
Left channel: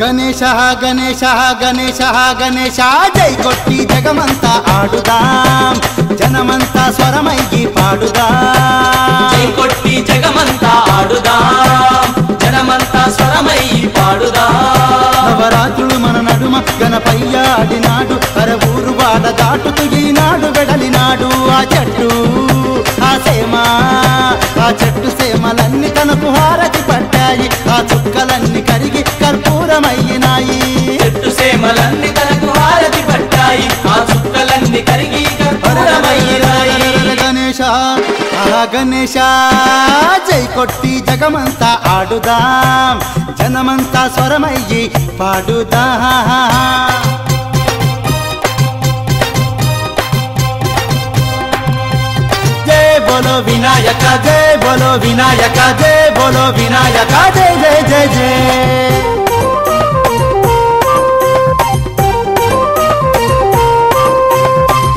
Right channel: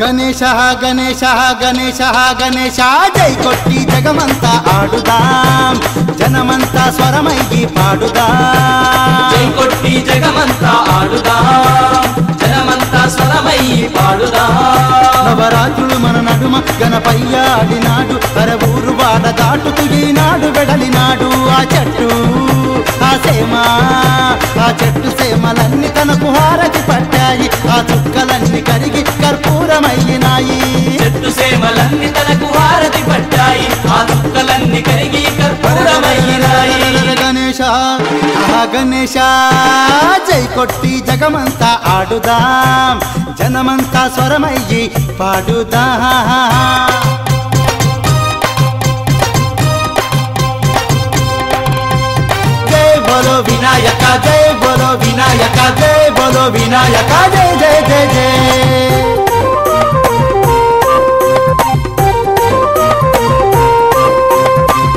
గణేశ గణేశ గణేశ గణేశ జై కొట్టి జగమంతా ఆడుదాం, జనమంతా స్వరమయ్యి పాడుదాం. జై కొట్టి జగమంతా ఆడుదాం, జనమంతా స్వరమయ్యి పాడుదాం. నవరాత్రులు మన నడుమ గణపయ్య ఆడినాడు, అర ఊరు వాడ దాటుతూ ఈనాడు వెడలినాడు. ఆ చెట్టు ఆ సేమ ఆ చెట్టు సేమలన్నీ తనకు హారతి పట్టాయి, ఆ చుక్కలన్నీ కరిగి కర్పూరమయ్యినాయి. చెట్టు సేమలన్నీ తనకు హారతి పట్టాయి, ఆ చుక్కలన్నీ కరిగి గణేశ ఆహా గణేశ జై కొట్టి జగమంతా ఆడుదాం, జనమంతా స్వరమయ్యి పాడుదాం. జై బోలో వినాయక జై బోలో వినాయక జై బోలో వినాయక జై జై జై జై.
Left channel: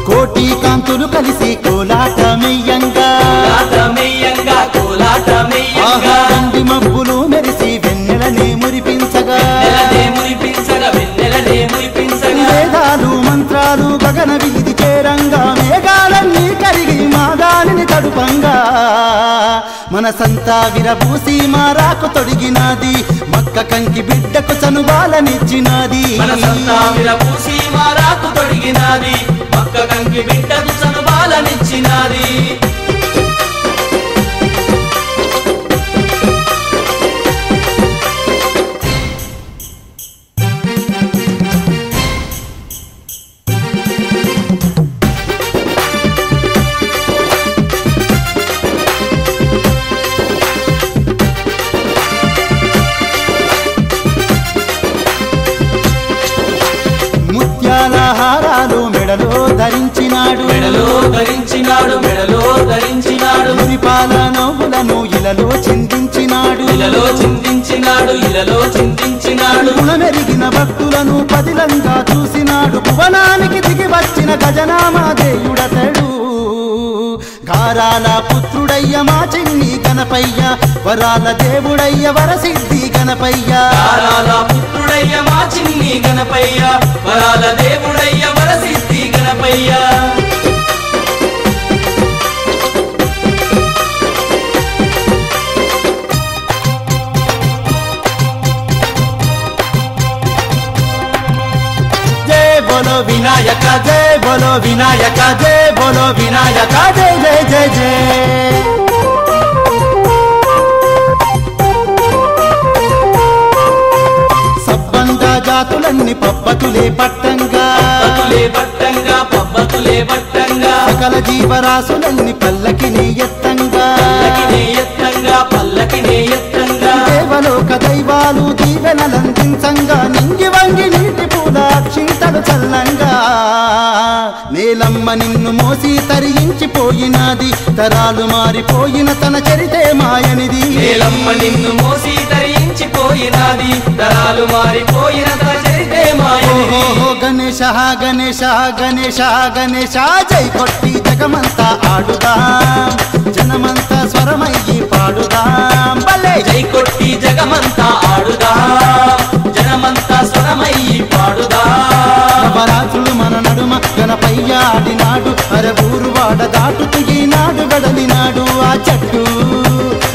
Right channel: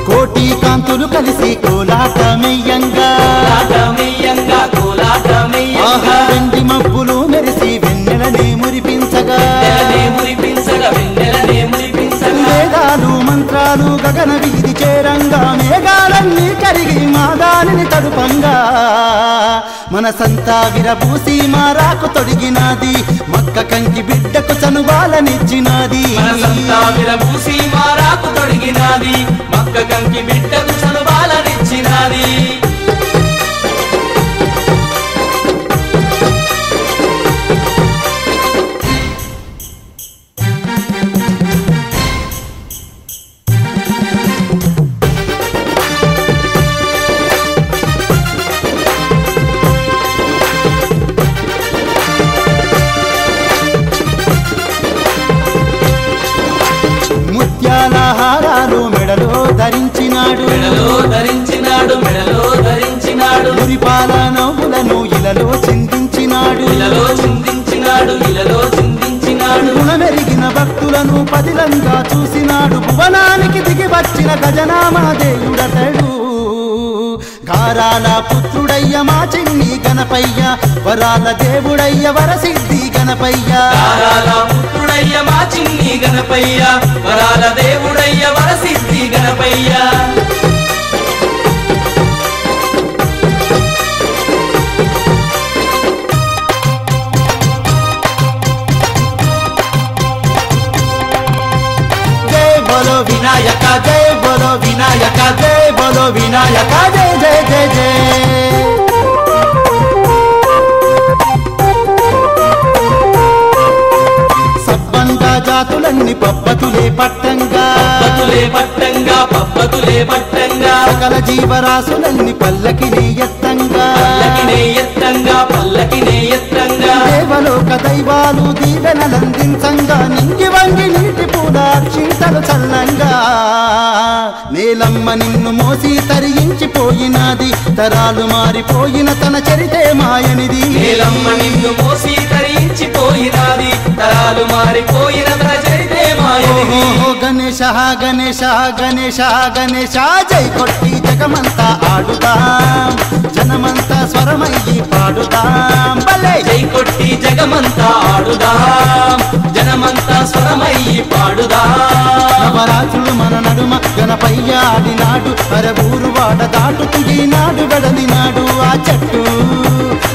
కోటి కాంతులు కలిసి కోలాటమయ్యంగా, ఆహా వెండి మబ్బులు మెరిసి వెన్నెలనే మురిపించగా, వేదాలు మంత్రాలు గగన వీధి చేరంగా, మేఘాలన్నీ కరిగి మాగాలిని తడుపంగా, మనసంతా విరబూసి మారాకు తొడిగినాది, మక్క కంకి బిడ్డకు చనుబాలనిచ్చినాది. మక్క కంకి బిడ్డకు చనుబాలనిచ్చినాది. ముత్యాల హారాలు మెడలో ధరించినాడు మురిపాల నవ్వులను ఇలలో చిందించినాడు గుణమెరిగిన భక్తులను పదిలంగా చూసినాడు భువనానికి దిగి వచ్చిన గజనామాదేయుడతడు గారాల పుత్రుడయ్య మా చిన్ని గణపయ్య వరాల దేవుడయ్య వరసిద్ధి గణపయ్య వరాల దేవుడయ్య వరసిద్ధి గణపయ్య बोलो विनायक जय बोलो विनायक जय बोलो विनायक जय जय जय जय సబ్బండ జాతులన్నీ పబ్బతులే పట్టంగా సకల జీవరాశులన్నీ పల్లకిని ఎత్తంగా దేవలోక దైవాలు దీవెనలందించంగా నింగి వంగి నీటి పూల క్షీతలు చల్లంగా మేలమ్మ నిన్ను మోసి తరించిపోయినది తరాలు మారిపోయిన తన చరితే మాయనిది ఓహో గణేశ గణేశ గణేశ గణేశ జై కొట్టి జగమంతా ఆడుదాం జనమంతా స్వరమయ్యి పాడుదాం భలే జై కొట్టి జగమంతా ఆడుదాం జనమంతా స్వరమయ్యి పాడుదాం నవరాత్రులు మన నడుమ గణపయ్య ఆడినాడు అరే ఊరు వాడ దాటుతూ ఈనాడు వెడలినాడు ఆ చెట్టు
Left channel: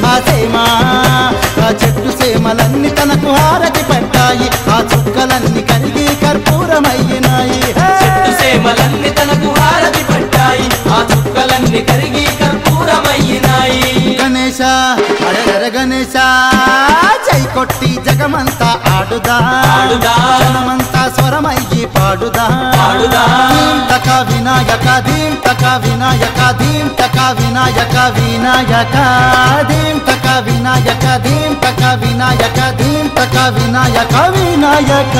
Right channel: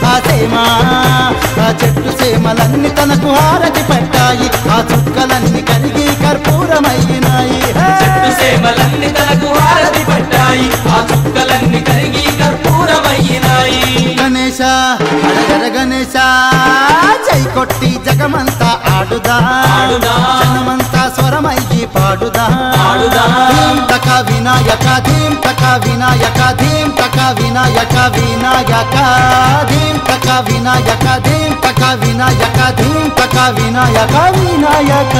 ఆ సేమా ఆ చెట్టు సేమలన్నీ తనకు హారతి పట్టాయి ఆ చుక్కలన్నీ కరిగి కర్పూరమయ్యినాయి చెట్టు సేమలన్నీ తనకు హారతి పట్టాయి ఆ చుక్కలన్నీ కరిగి కర్పూరమయ్యినాయి గణేశ అరగర గణేశ జై కొట్టి జగమంతా ఆడుదా జనమంతా స్వరమయ్యి పాడుదా ధీం తక వినాయక ధీం తక వినాయక ధీం తక వినాయక వినాయక ధీం తక వినాయక ధీం తక వినాయక ధీం తక వినాయక వినాయక